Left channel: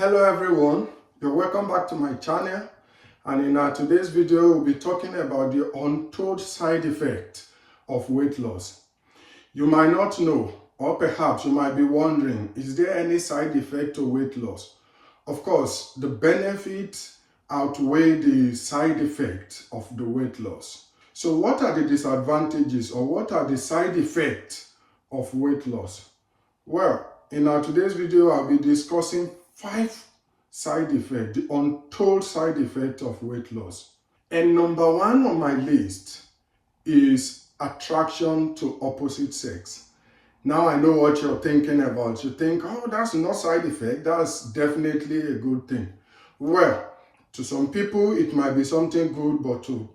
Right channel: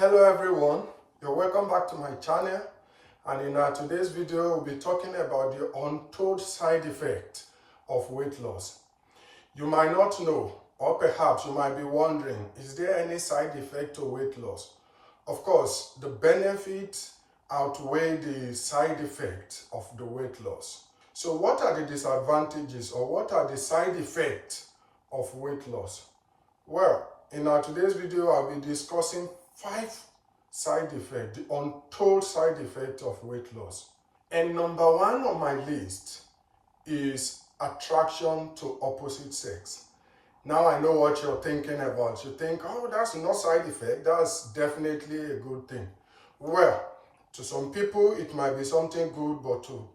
Hello everyone, you're welcome back to my channel, and in our today's video we'll be talking about the untold side effect of weight loss. You might not know, or perhaps you might be wondering, is there any side effect to weight loss? Of course, the benefits outweigh the side effects of the weight loss. So what are the disadvantages or what are the side effects of weight loss? Well, in our today's video, I'll be discussing 5 side effects, the untold side effects of weight loss. And number 1 on my list is attraction to opposite sex. Now I know what you're thinking about. You think, oh, that's not side effect. That's definitely a good thing. Well, to some people, it might be something good, but to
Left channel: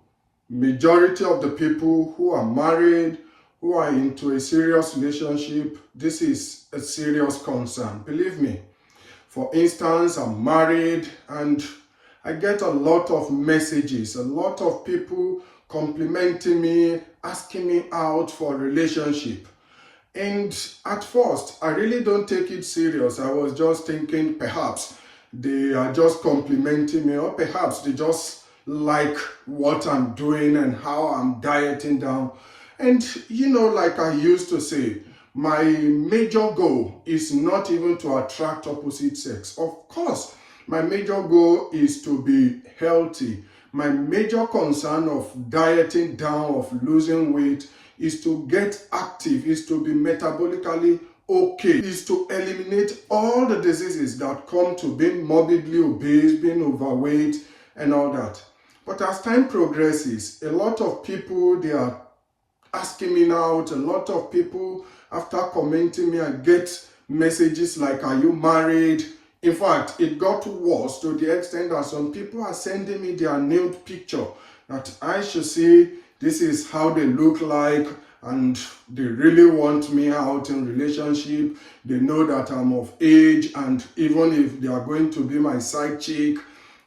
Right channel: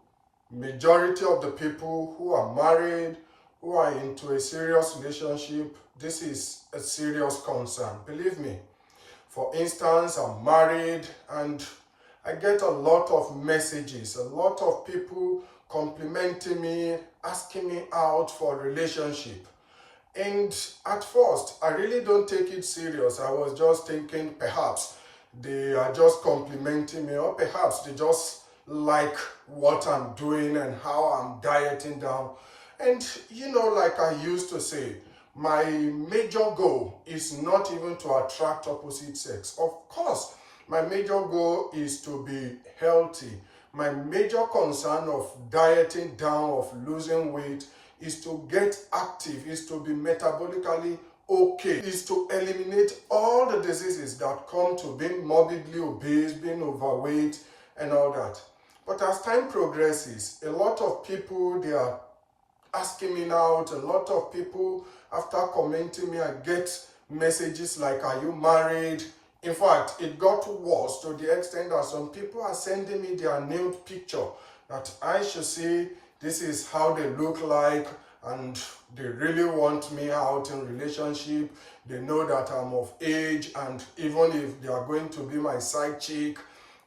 majority of the people who are married, who are into a serious relationship, this is a serious concern. Believe me. For instance, I'm married and I get a lot of messages, a lot of people complimenting me, asking me out for a relationship. And at first, I really don't take it serious. I was just thinking perhaps they are just complimenting me, or perhaps they just like what I'm doing and how I'm dieting down. And like I used to say, my major goal is not even to attract opposite sex. Of course, my major goal is to be healthy. My major concern of dieting down, of losing weight, is to get active, is to be metabolically okay, is to eliminate all the diseases that come to being morbidly obese, being overweight, and all that. But as time progresses, a lot of people, they are asking me out. A lot of people, after commenting me, I get messages like, are you married? In fact, it got worse to the extent that some people are sending me their nude picture that I should see this is how they look like, and they really want me out in relationship. They know that I'm of age, and even if they are going to be my side chick,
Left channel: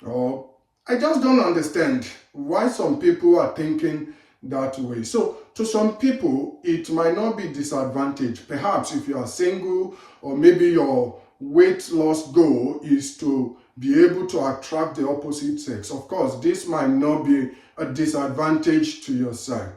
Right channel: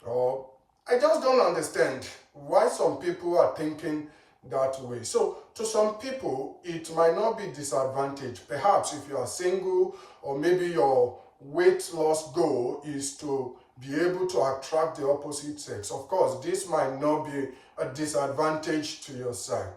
or I just don't understand why some people are thinking that way. So to some people, it might not be disadvantage. Perhaps if you are single, or maybe your weight loss goal is to be able to attract the opposite sex. Of course, this might not be a disadvantage to your side.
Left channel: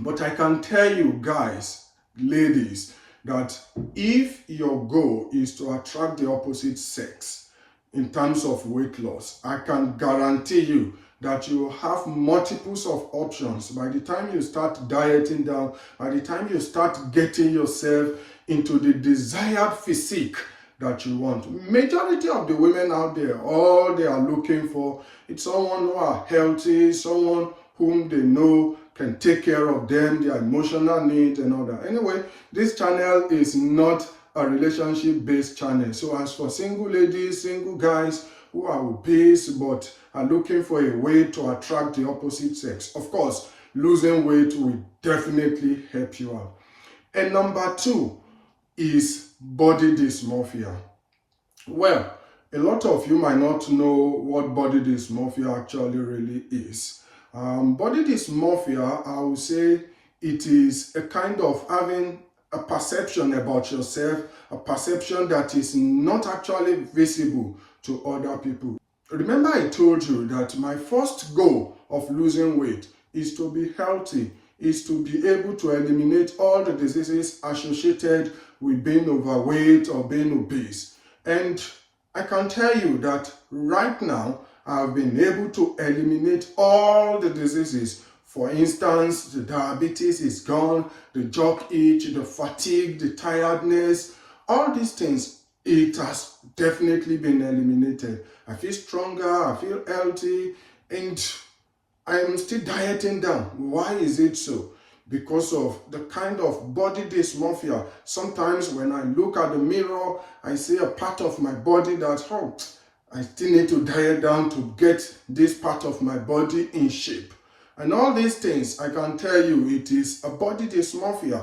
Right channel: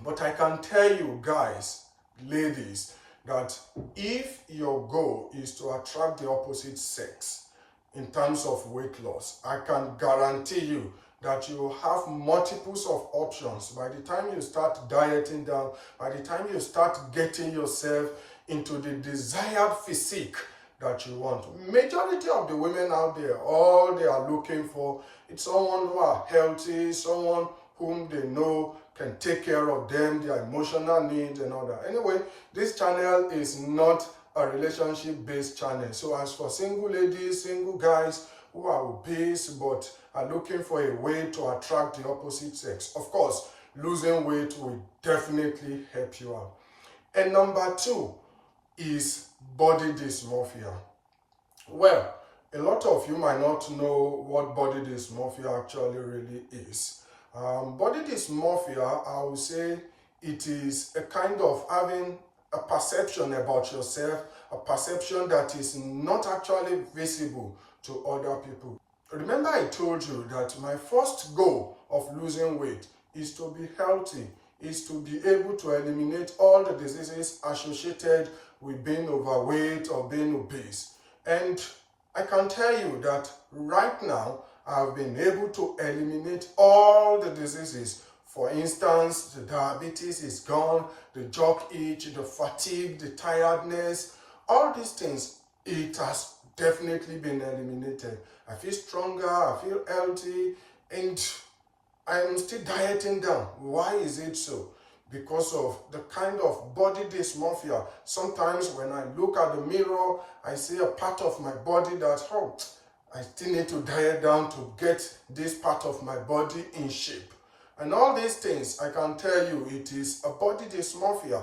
But I can tell you guys, ladies, that if your goal is to attract the opposite sex in terms of weight loss, I can guarantee you that you have multiples of options. By the time you start dieting down, by the time you start getting yourself into the desired physique that you want. Majority of the women out there, all they are looking for is someone who are healthy, someone whom they know can take care of them, their emotional needs and all that. Anyway, this channel is not a relationship-based channel. So as for single ladies, single guys who are obese but are looking for a way to attract the opposite sex, of course, losing weight will definitely help you out. And number 2 is body dysmorphia. Well, a lot of you might not know what body dysmorphia actually really is. Body dysmorphia, I would say, it is a kind of having a perception about yourself, a perception that is not actually visible to other people. Remember I told you that my first goal of losing weight is to be healthy, is to be able to eliminate all the diseases associated with being overweight or being obese. And I can tell you that right now, I've been able to eliminate all the diseases. For instance, the diabetes is gone, the jock itch, the fatigue, the tiredness, all these things, it has definitely been eliminated. I feel stronger, I feel healthy, and I am still dieting down. Why is it so? Because of the kind of body dysmorphia. Sometimes when I look at the mirror, I see a part of my body that, oh, I still need to diet down to get this part of my body in shape. And all these things, I can tell you, it is a body dysmorphia.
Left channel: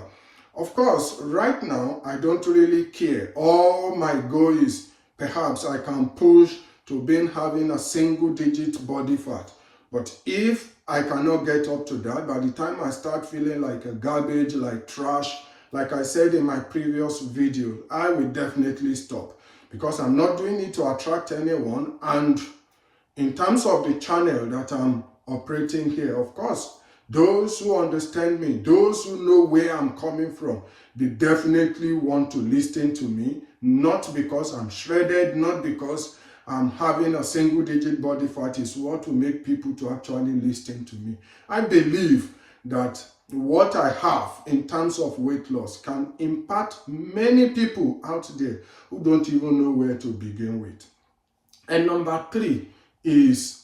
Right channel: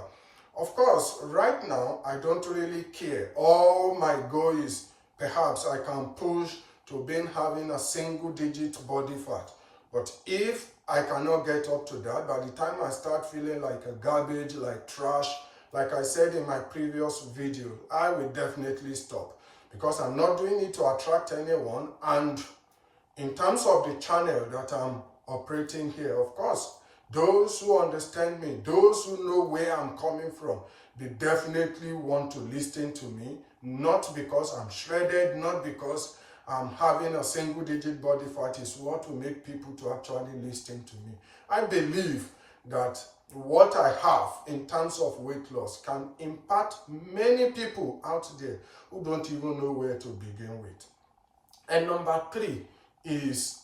Of course, right now, I don't really care. All my goal is perhaps I can push to having a single digit body fat. But if I cannot get up to that, by the time I start feeling like a garbage, like trash, like I said in my previous video, I will definitely stop. because I'm not doing it to attract anyone. And in terms of the channel that I'm operating here, of course, those who understand me, those who know where I'm coming from, they definitely want to listen to me, not because I'm shredded, not because I'm having a single digit body fat. Is what will make people to actually listen to me. I believe that what I have in terms of weight loss can impact many people out there who don't even know where to begin with. And number 3 is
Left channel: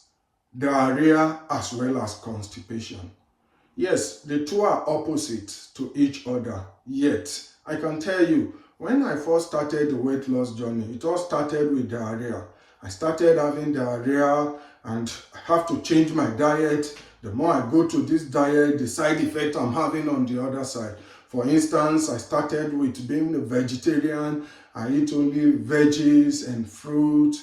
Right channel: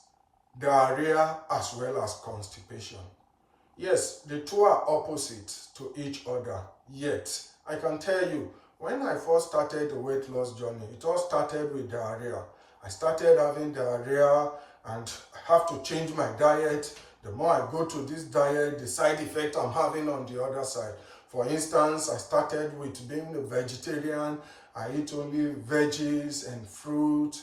diarrhea as well as constipation. Yes, the two are opposite to each other, yet I can tell you, when I first started the weight loss journey, it all started with diarrhea. I started having diarrhea and I have to change my diet. The more I go to this diet, the side effect I'm having on the other side. For instance, I started with being a vegetarian. I eat only veggies and fruit,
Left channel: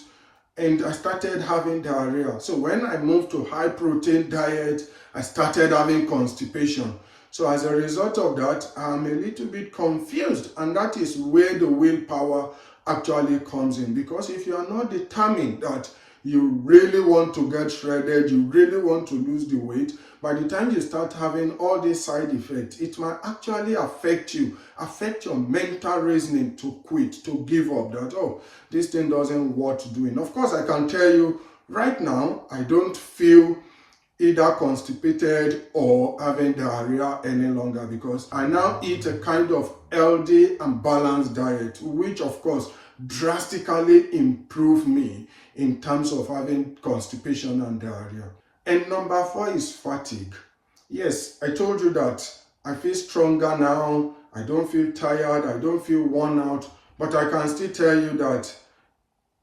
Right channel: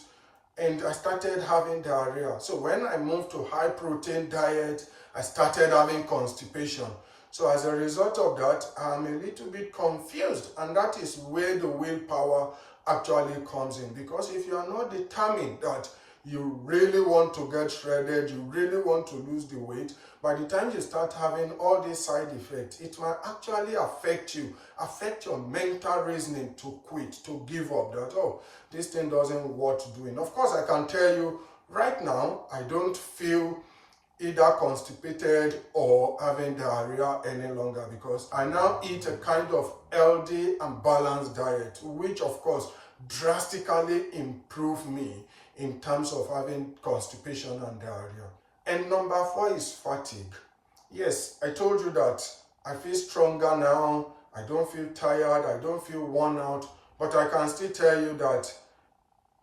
and I started having diarrhea. So when I moved to high protein diet, I started having constipation. So as a result of that, I'm a little bit confused, and that is where the willpower actually comes in. Because if you are not determined that you really want to get shredded, you really want to lose the weight, by the time you start having all these side effects, it might actually affect you, affect your mental reasoning to quit, to give up, that, oh, this thing doesn't worth doing. Of course, I can tell you right now, I don't feel either constipated or having diarrhea any longer, because I now eat a kind of healthy and balanced diet, which of course drastically improved me in terms of having constipation and diarrhea. And number 4 is fatigue. Yes, I told you that I feel stronger now, I don't feel tired, I don't feel worn out, but I can still tell you that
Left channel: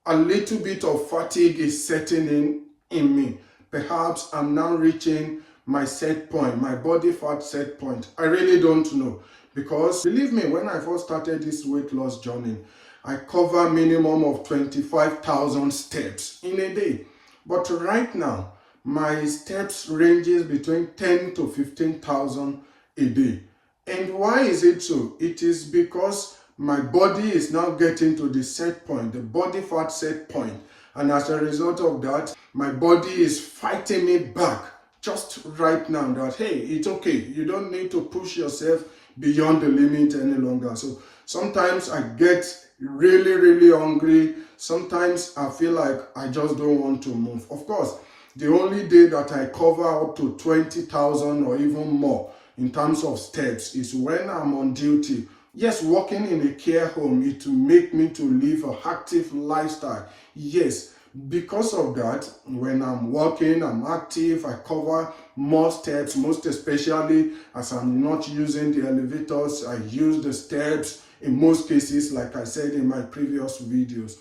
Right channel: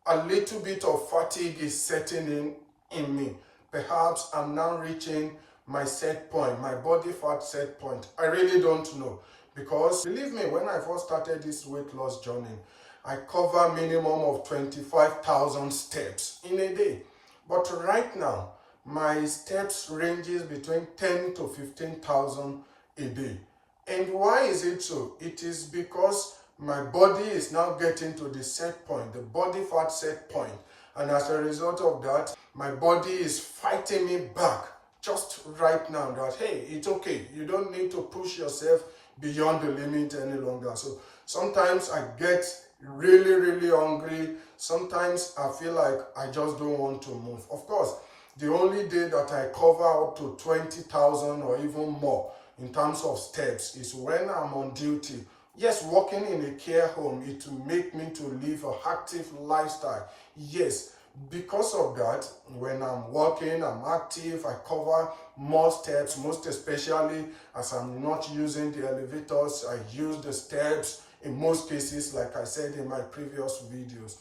a little bit of fatigue is setting in me. Perhaps I'm now reaching my set point, my body fat set point. I really don't know, because believe me, when I first started this weight loss journey, I cover minimum of 25,000 steps in a day. But right now, my steps ranges between 10 to 15,000 a day. And why is it so? It is because my body is now getting to the set point, the body fat set point. And as a result of that, my body is fighting me back just right now that, hey, it's okay. You don't need to push yourself beyond the limit any longer. So sometimes I get really, really hungry. Sometimes I feel like I just don't want to move. Of course, the only day that I cover up to 20,000 or even more in terms of steps is when I'm on duty. Yes, working in a care home, it will make me to live an active lifestyle. Yes, because of that, when I'm working, I'm active, I cover more steps, most especially as I'm not using the elevators, I use the steps in most cases, like I said in my previous videos.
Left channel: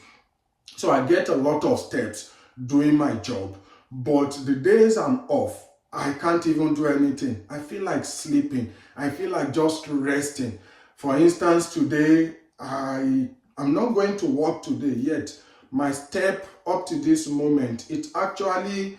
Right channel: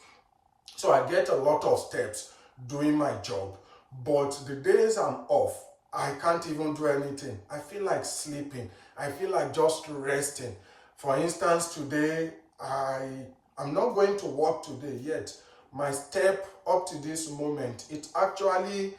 So I get a lot of steps doing my job. But the days I'm off, I can't even do anything. I feel like sleeping. I feel like just resting. For instance, today, I'm not going to work today yet. My step up to this moment, it's actually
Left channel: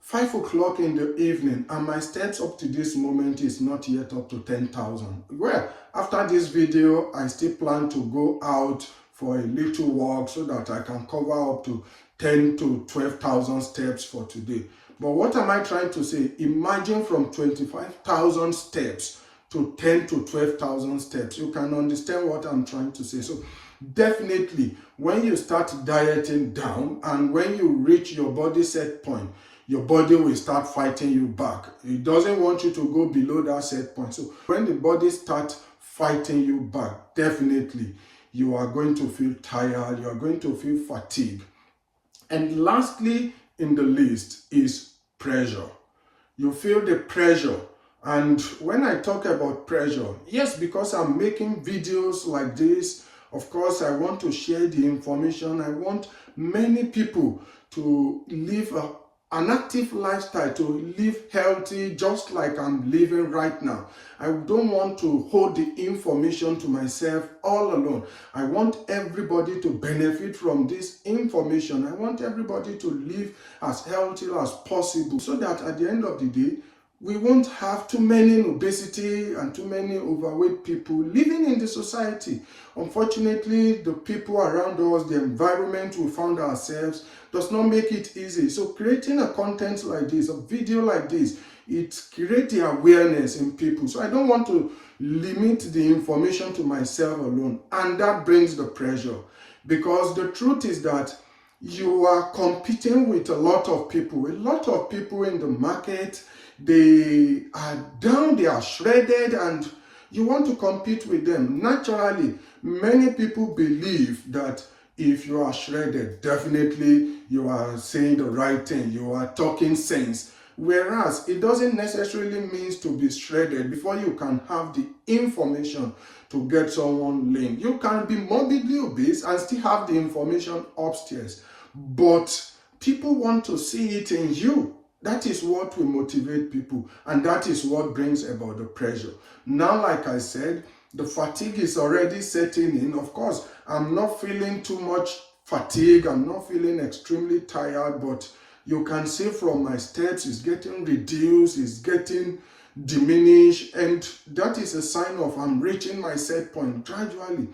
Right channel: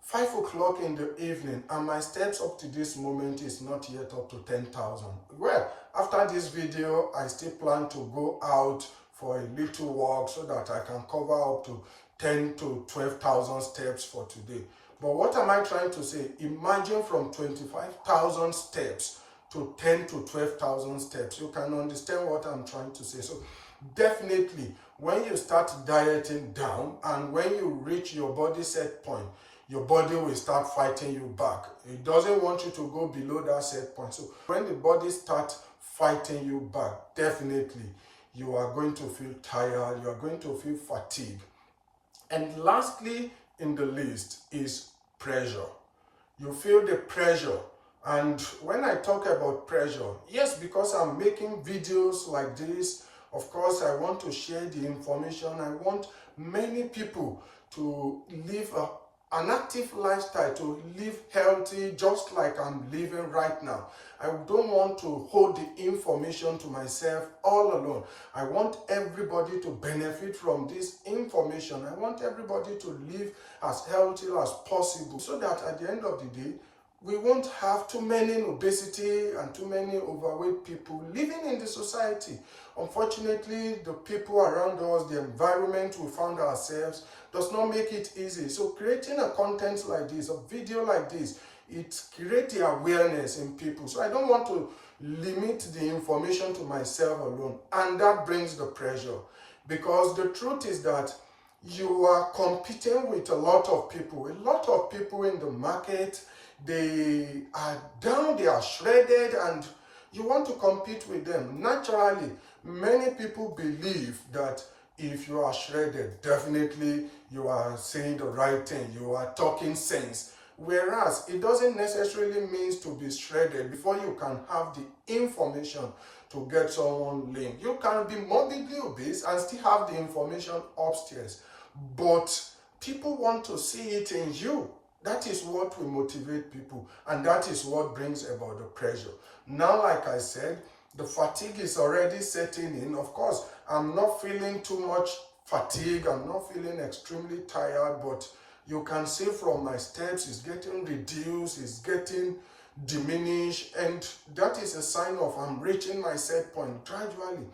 5 o'clock in the evening, and my steps up to this moment is not yet up to 10,000. Well, after this video, I still plan to go out for a little walk so that I can cover up to 10 to 12,000 steps for today. But what am I trying to say? Imagine from 25,000 steps to 10 to 12,000 steps. You can understand what I'm trying to say. So definitely, when you start dieting down and when you reach your body set point, your body will start fighting you back. It doesn't want you to go below that set point. So when the body starts fighting you back, definitely you are going to feel tired, you are going to feel fatigued. And lastly in the list is pressure. You feel the pressure. And when I talk about pressure, yes, because I'm making videos like this, of course, I want to share the information. I want many people to live an active lifestyle, to live healthy, just like I'm living right now. I don't want to hold the information to myself all alone. I want everybody to benefit from this information. I want everybody to live as healthy as possible, so that at the end of the day, we won't have too many obesity and too many overweight people living in the society. Unfortunately, the people around us, the environment we found ourselves, does not make it easy. So creating a content like this, a video like this, it creates the awareness in people. So I don't want to limit the information to myself alone, and that brings the pressure, because the truth is that you are competing with a lot of people in the market. They are down, they are shredded, and you want to compete with them. Naturally, many people believe that if you are shredded, definitely you are saying the right thing, you are talking sense. Whereas it doesn't necessarily mean to be shredded before you can have the information to get someone lean. You can be morbidly obese and still have the information upstairs, but people want to see it in you. That is what will motivate people, and that is what brings about the pressure. Now, like I said, the fatigue is already setting in. Of course, I'm not feeling too much fatigue, I'm not feeling extremely tired, but you can see from my steps, it's getting reduced, it's getting diminished, and that is a sign of I'm reaching my set point gradually.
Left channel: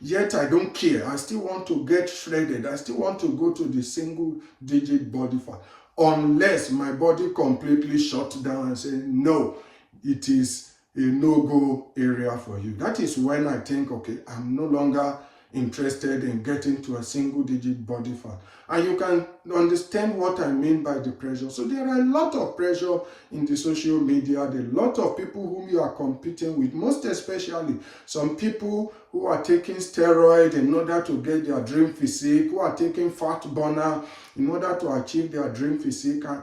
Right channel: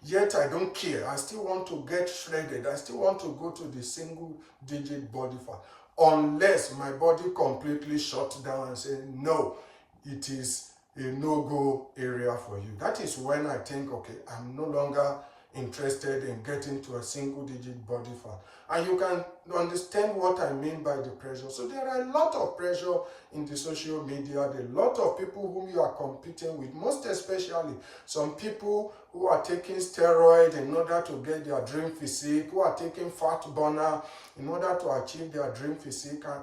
Yet I don't care. I still want to get shredded. I still want to go to the single digit body fat, unless my body completely shuts down and say, no, it is a no-go area for you. That is when I think, okay, I'm no longer interested in getting to a single digit body fat. And you can understand what I mean by the pressure. So there are a lot of pressure in the social media. There are a lot of people whom you are competing with, most especially some people who are taking steroids in order to get their dream physique, who are taking fat burner in order to achieve their dream physique. And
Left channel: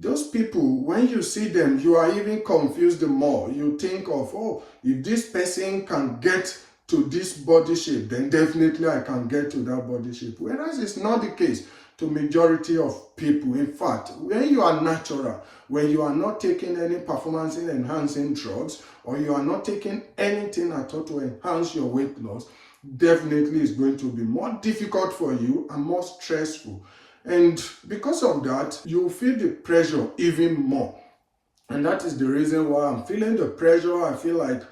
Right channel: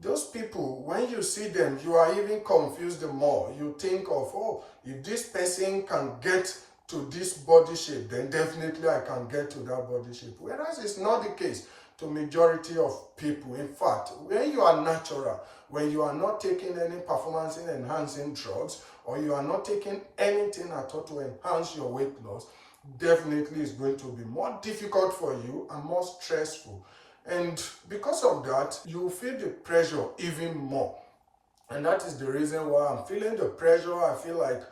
those people, when you see them, you are even confused more. You think of, oh, if this person can get to this body shape, then definitely I can get to that body shape. Whereas it's not the case to majority of people. In fact, when you are natural, when you are not taking any performance enhancing drugs, or you are not taking anything at all to enhance your weight loss, definitely it's going to be more difficult for you and more stressful. And because of that, you feel the pressure even more. And that is the reason why I'm feeling the pressure. I feel like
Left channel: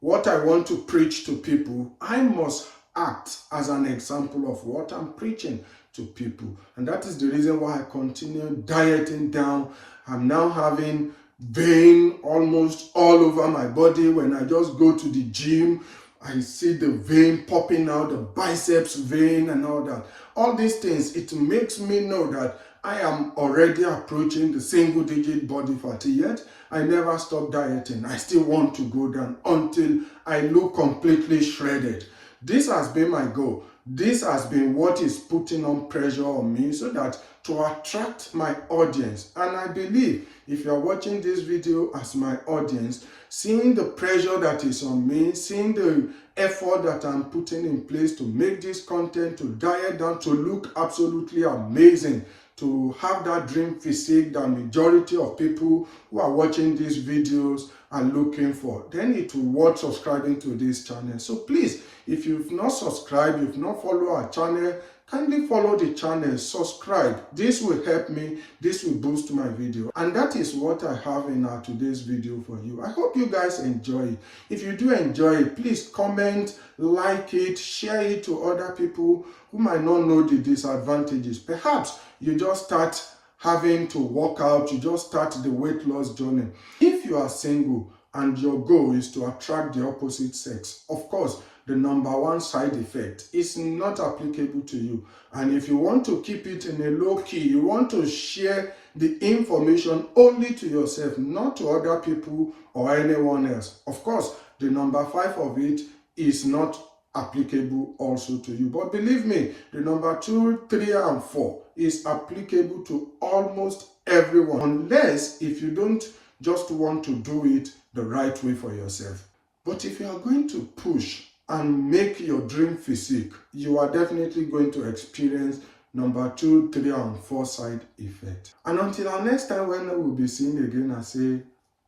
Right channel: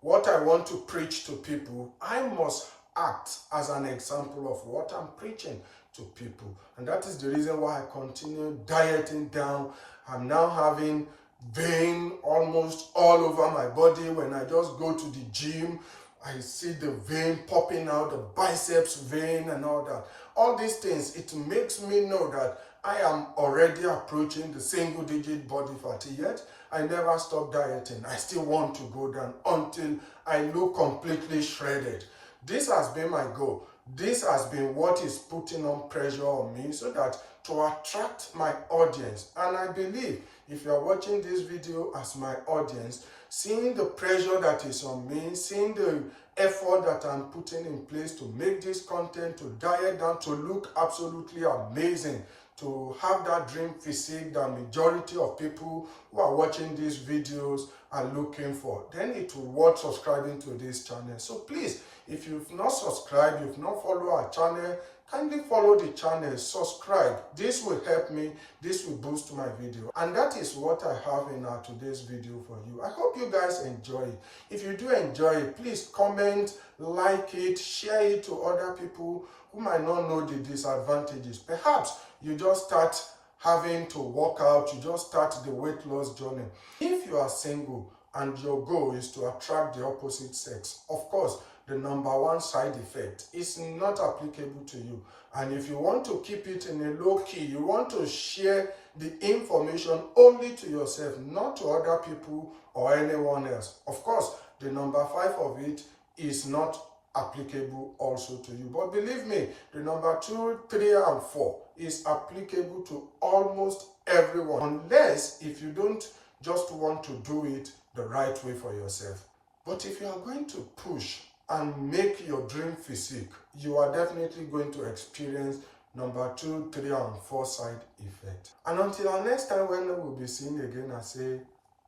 what I want to preach to people, I must act as an example of what I'm preaching to people. And that is the reason why I continue dieting down. I'm now having vein almost all over my body. When I just go to the gym, I see the vein popping out, the biceps vein and all that. All these things, it makes me know that I am already approaching the single digit body fat, yet I never stop dieting. I still want to go down until I look completely shredded. This has been my goal. This has been what is putting on pressure on me, so that to attract my audience. And I believe if you are watching this video as my audience, seeing the pressure that is on me, seeing the effort that I'm putting in place to make this content, to diet down, to look absolutely amazing, to have that dream physique that majority of people who are watching these videos are looking for, then it will worth subscribing to this channel. So please, if you've not subscribed, you've not followed our channel, kindly follow the channel, subscribe. This will help me, this will boost my video. And that is what I have in our today's video for you. I hope you guys enjoy it. If you do enjoy it, please comment, like it, share it to other people who might not know the disadvantages. Perhaps you just start having to work out, you just start the weight loss journey. If you are single and your goal is to attract the opposite sex, of course, the number one side effect is not applicable to you. And if you want to keep it in a low key, you want to share the information only to yourself, not to other people or anyone else. Of course, the number 5 of it is not applicable also to you. But believe me, the number 2, 3, and 4 is applicable to almost everyone, unless if you don't just want to do it the right way for yourself. But if you are going to push and make your dream physique, you are definitely going to experience number 2, 3, and 4 side effect. And until our next time when we will be seeing again, I say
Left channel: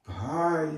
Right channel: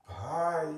bye.